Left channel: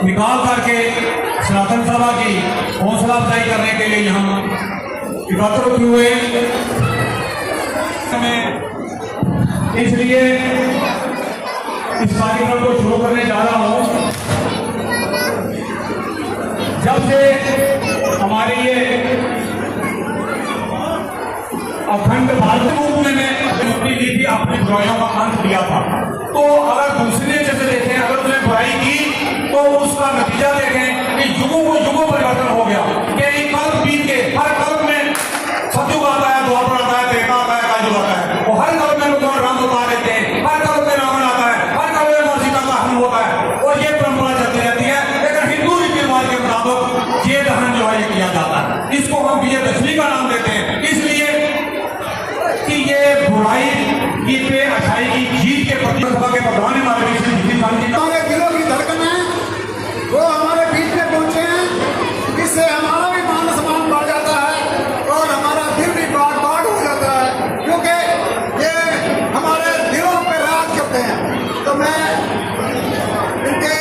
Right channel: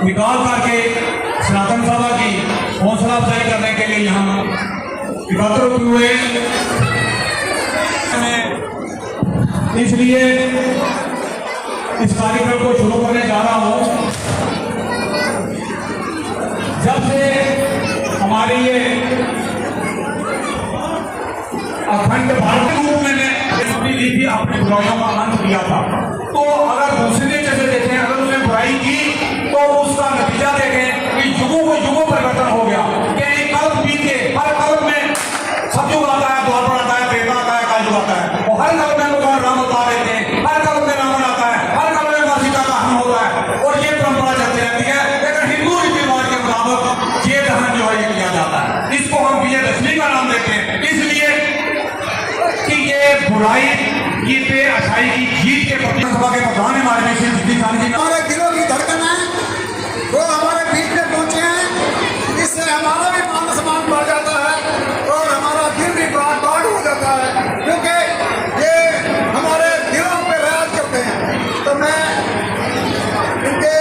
निकाल करके सनातन सभा की हौसला अफजाई करने के लिए हम एकत्रित हुए। इसलिए इस कार्यक्रम को शुरू करने जा रहा हूं। जब से हमारी ये अखंड भारत रूप में मुक्ति दी थी, अपनी बुराइयों का अंत किया था, तो अगर दूसरे जैसे देखें, अगर उसने बुराई की तो उसका नतीजा देखें कि युगों को युगों परिवर्तन हो गया। कि कल्प बीत के हर कल्प में सतयुग आता है, द्वापर आता है, त्रेता आता है, कलयुग आता है, और हर कल्प में भगवान राम अवतार लेते हैं, हर कल्प में रावण आता है, हर कल्प में मां सीता का हनन होता है, और ये परंपरा चलती रहती है। लेकिन हिंदू रीति रिवाज के मुताबिक ये दहन जो है ये किया जाता है। इसको हम विजयदशमी का नाम देते हैं, इसलिए कि ये बुराई की पे अच्छाई की जीत के प्रति सभा के प्रधान हमारे हमारे दिलों की धड़कन है, वो हमारे बीच में पहुंचे हैं। इससे हमारा भी मान सम्मान बढ़ जाता है और हमारा दिल भी बाग हो जाता है, क्योंकि ये हमारे दिलों पे राज करते हैं। तो मैं इनके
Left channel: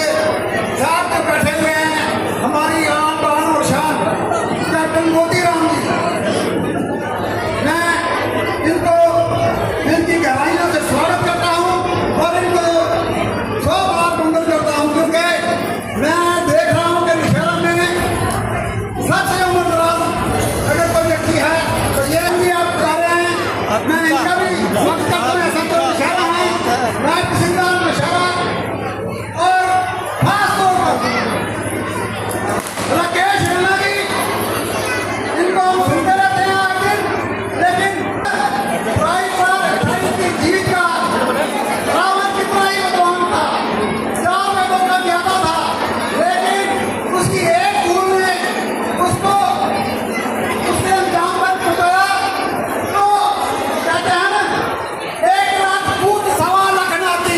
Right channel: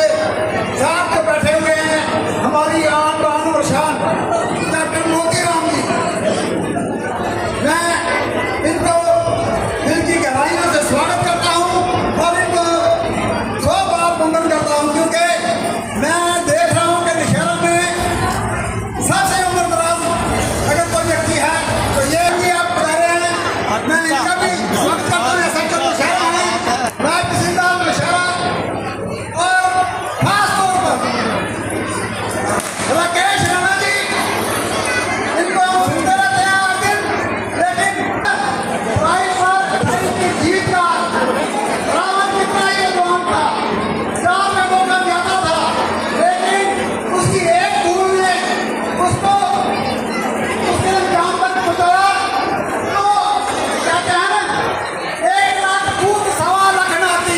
साथ में बैठे हुए हैं हमारी आन बान और शान कैप्टन मोतीराम जी। मैं इनको इनकी गहराइयों से स्वागत करता हूं और इनको सौ बार वंदन करता हूं, क्योंकि मैं देख रहा हूं कि शहर में सबसे उम्रदराज अगर कोई व्यक्ति है तो ये भी आप कह रहे हैं। मैं इनका भी स्वागत करता हूं। सबसे मुशर्रफ है मैं पसंदा मुशर्रफ और खासतौर पर राकेश राणा जी, इनको हम सुनते रहते हैं हर दिन, लेकिन राइट पर की जीत का रावण कितना ही विद्वान था, 4 में मौका ज्यादा था, लेकिन उसकी एक भूल ने उसको उसके अंजाम तक पहुंचाया। तो कहते हैं ना, 1 लाख फूट 1.25 लाख नाती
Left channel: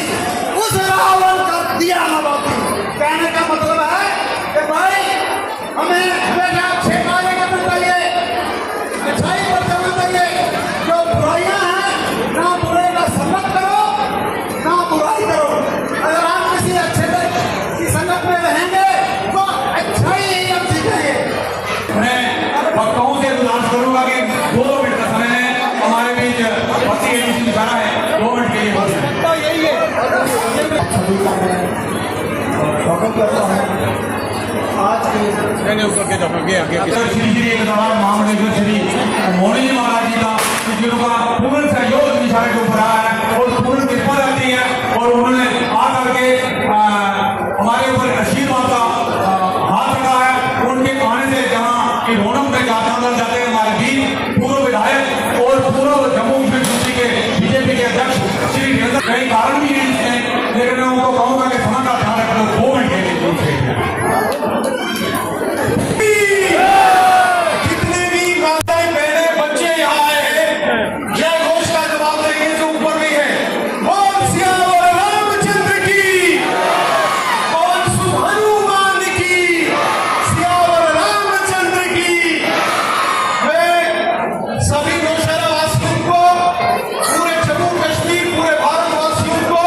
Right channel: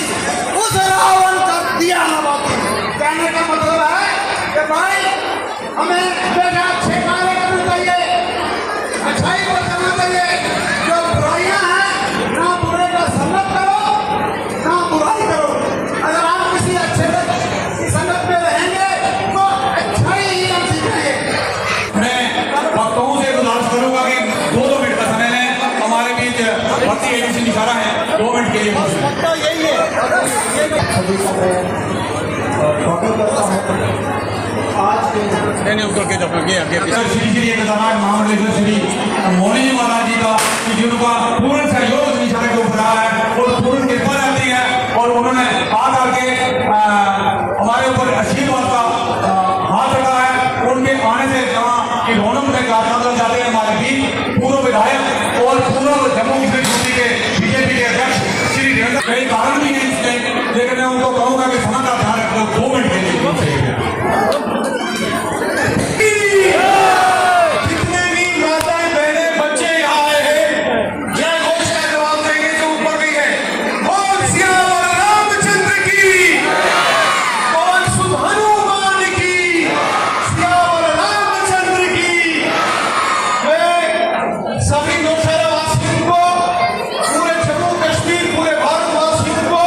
उस रावण का दिया ना बापू। कहने का मतलब है कि भाई हमें हमेशा अच्छे कार्य करना चाहिए, अच्छाई पर चलना चाहिए। जो बुराइयां हैं, ना बुरे का संगत करो, ना बुराई करो। अगर हम किसी अच्छे की संगत में रहेंगे तो अच्छाई ही हम सीखेंगे। मैं भक्तों से गुजारिश करूंगा कि 2 मिनट का समय है, हमारे बीच भक्ति एजेंसी निकाला है, 2 मिनट के लिए बहुत है। तो यही है सभी का मैं स्वागत करता हूँ आज के श्री श्री एकताराम महामंडलेश्वर श्री मोहन जी महाराज जी का, जिनका पूर्ण सहयोग निशान के ऊपर है और पूर्ण कृपा रहती है, और उन्होंने आ करके हमारे ऊपर आशीर्वाद का हाथ रखा है। उनके आने से जहाँ की रौनक में गांधी जाते हैं हमारे बीच पूर्व विधायक और पूर्व जम्मू कश्मीर यूपी के बीजेपी के अध्यक्ष श्री देवेंद्र, कई कारण भी हैं इसमें, लेकिन मैं उनको कहूँगा कि समय का ध्यान रखो। 2 मिनट के लिए जितने भी माताएं बहने बच्चे यहाँ आए हैं, जय घोष का जवाब देंगे तो ऊपर भी है। बोल सियावर रामचंद्र की, बोल शुभ हनुमान की, सियावर रामचंद्र की। मैं सभी नौशहरा वासियों को, पूरे जम्मू कश्मीर, पूरे भारतवासियों को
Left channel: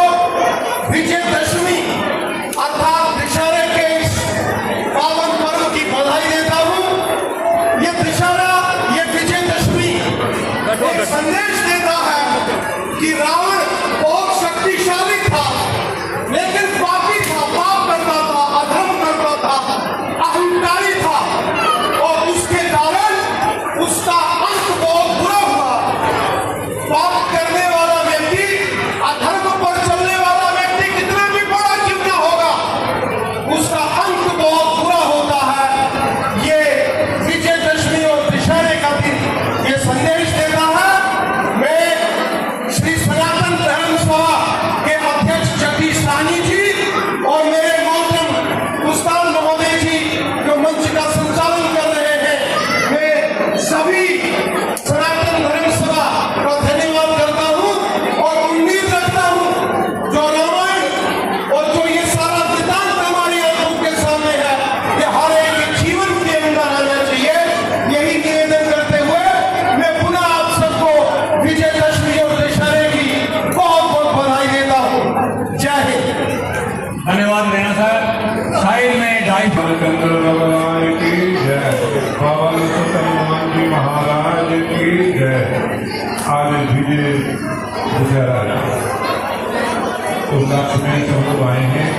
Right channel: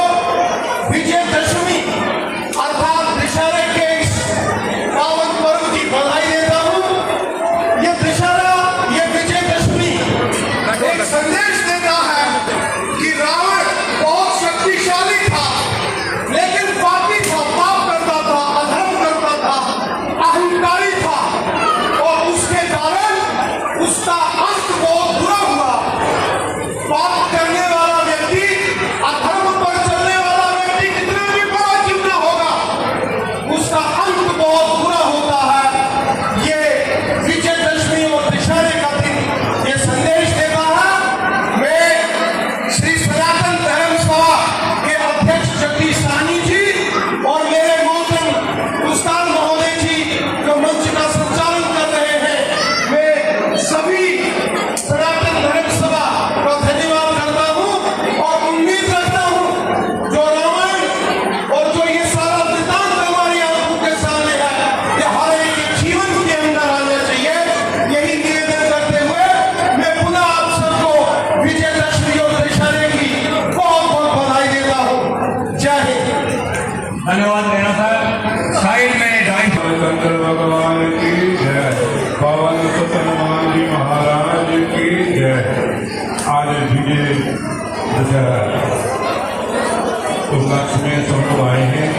उपलक्ष्य में सब लोग आए हैं।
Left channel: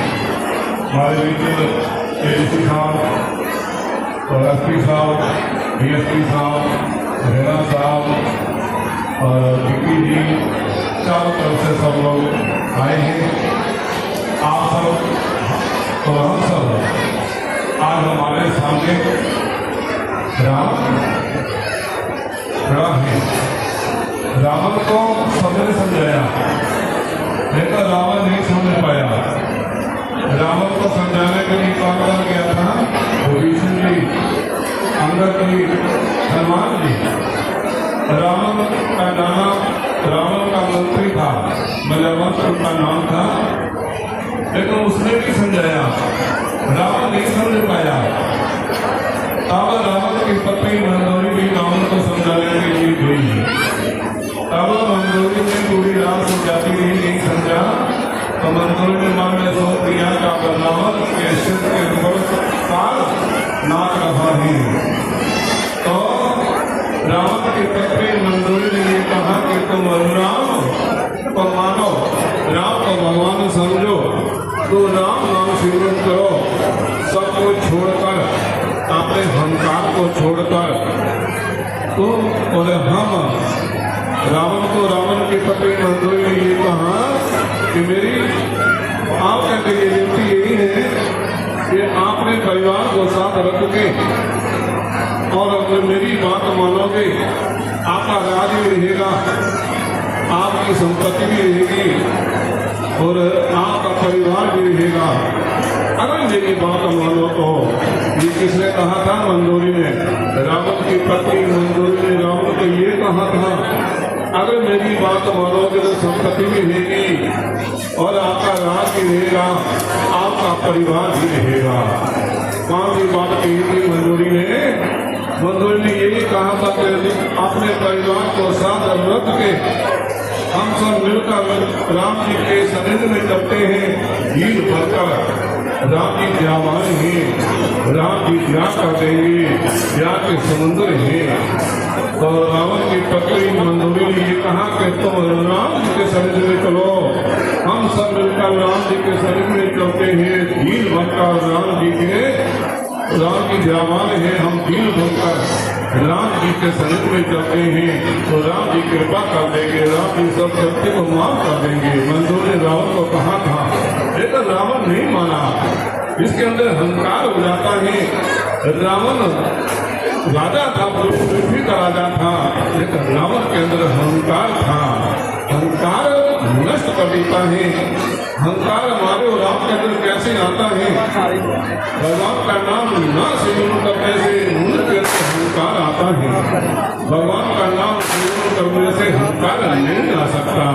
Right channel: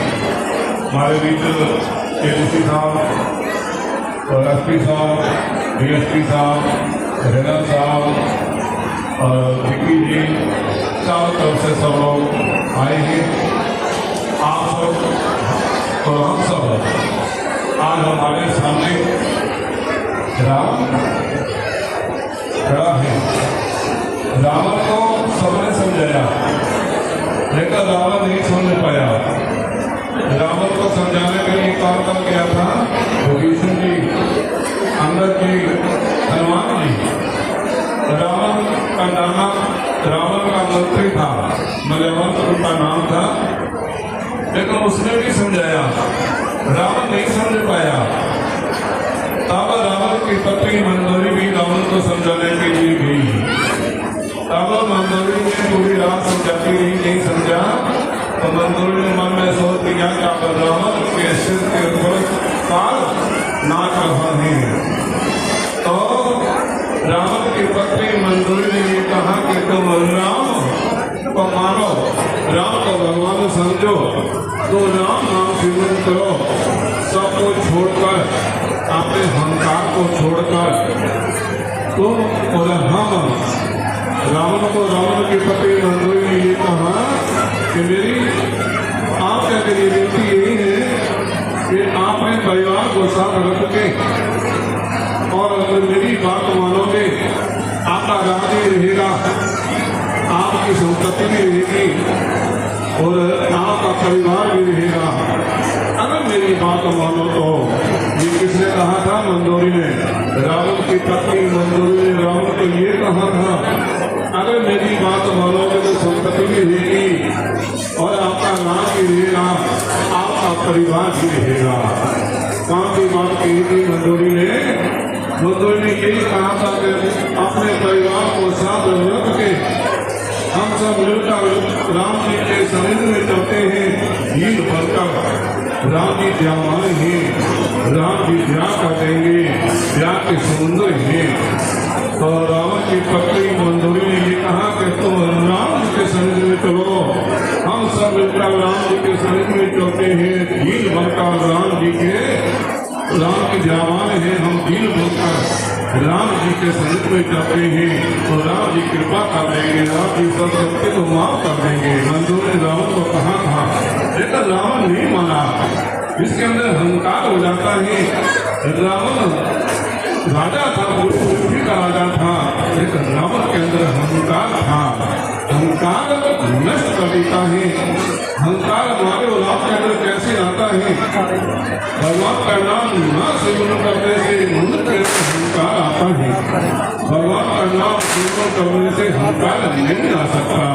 हमारे मित्र एडीसी साहब और एसपी साहब, डीएसपी साहब, रेना साहब और विक्की जी, चारों तरफ से सब लोग आए हैं। आप सब और हम सब आज हमारे सामने राम खड़ा है। रावण को सबने समझाया, लेकिन रावण नहीं समझ पाया। रावण को समझाने के लिए कौन कर गया था? विभीषण जी, अंगद जी, हनुमान जी। रावण का नाम, रावण का मंत्री था, मलयवंत उनका नाम था, लेकिन उसने भी समझाया, रावण नहीं समझ पाया। तब रावण की पत्नी मंदोरी भी रावण को समझाने के लिए गई। तब मंदोरी ने पूरी रात समझाती रही, नहीं समझा तो मंदोरी ने मन में सोच लिया कि अब रावण के सिर के ऊपर काल नाच रहा है। तो रावण की पत्नी मंदोरी ने ये कहा कि तुम राम को मानो, राम को भगवान समझो, तो राम नाम सिमरन करो, सबको छोड़कर, अपने अहंकार को छोड़कर तुम और हम। रावण को रावण की पत्नी मंदोरी ने ये कहा कि मेरी आपके लिए विनती यही है कि आपने परिवार को साथ रख के और मेरी बात मानोगे, आपका राज भी रहेगा, आपकी संपत्ति भी रहेगी और आपका परिवार भी रहेगा, अगर मेरी बात मानो तो। ये किसने कहा था? मंदोरी ने। रावण की पत्नी मंदोरी ने रावण को ये कहा था, अगर मेरी बात मानोगे तो संपत्ति भी रहेगी और आपका राज भी रहेगा, आपका परिवार भी रहेगा। कहाँ की बात कही थी मंदोरी ने? मंदोरी ने यही कहा था कि अपने परिवार को साथ रख के हम सब मिलकर राम जी के सनिध में चलते हैं, भीड़ भरकर। राम जी जवान हैं, राम जी ब्याह कर देंगे, ब्याह के समुद्र हैं। तो रावण की पत्नी मंदोरी ने ये कहा कि तुम राम जी के सनिध में चलो, हम सब मिलकर राम जी के सनिध में चलते हैं, भीड़ बनकर राम जी जवान है, हम भीड़ बनकर राम जी के सनिध में चलते हैं, तो राम जी कृपा कर देंगे, राम जी सब सत्य को माफ कर देंगे। मंदोरी ने रावण को कहा था, लेकिन रावण नहीं माना। इसके अंदर अहंकार हो जाता है। रावण राजा था, पृथ्वी का राजा था, लेकिन रावण के अंदर अहंकार था। अहंकार नष्ट कर देता है। अहंकार हमारे और राम के अंदर कैसे आता है? भगवान का नाम न सिमरन करने से उनके अहंकार आता है। भगवान का नाम सिमरन करने से अहंकार नहीं आ सकता।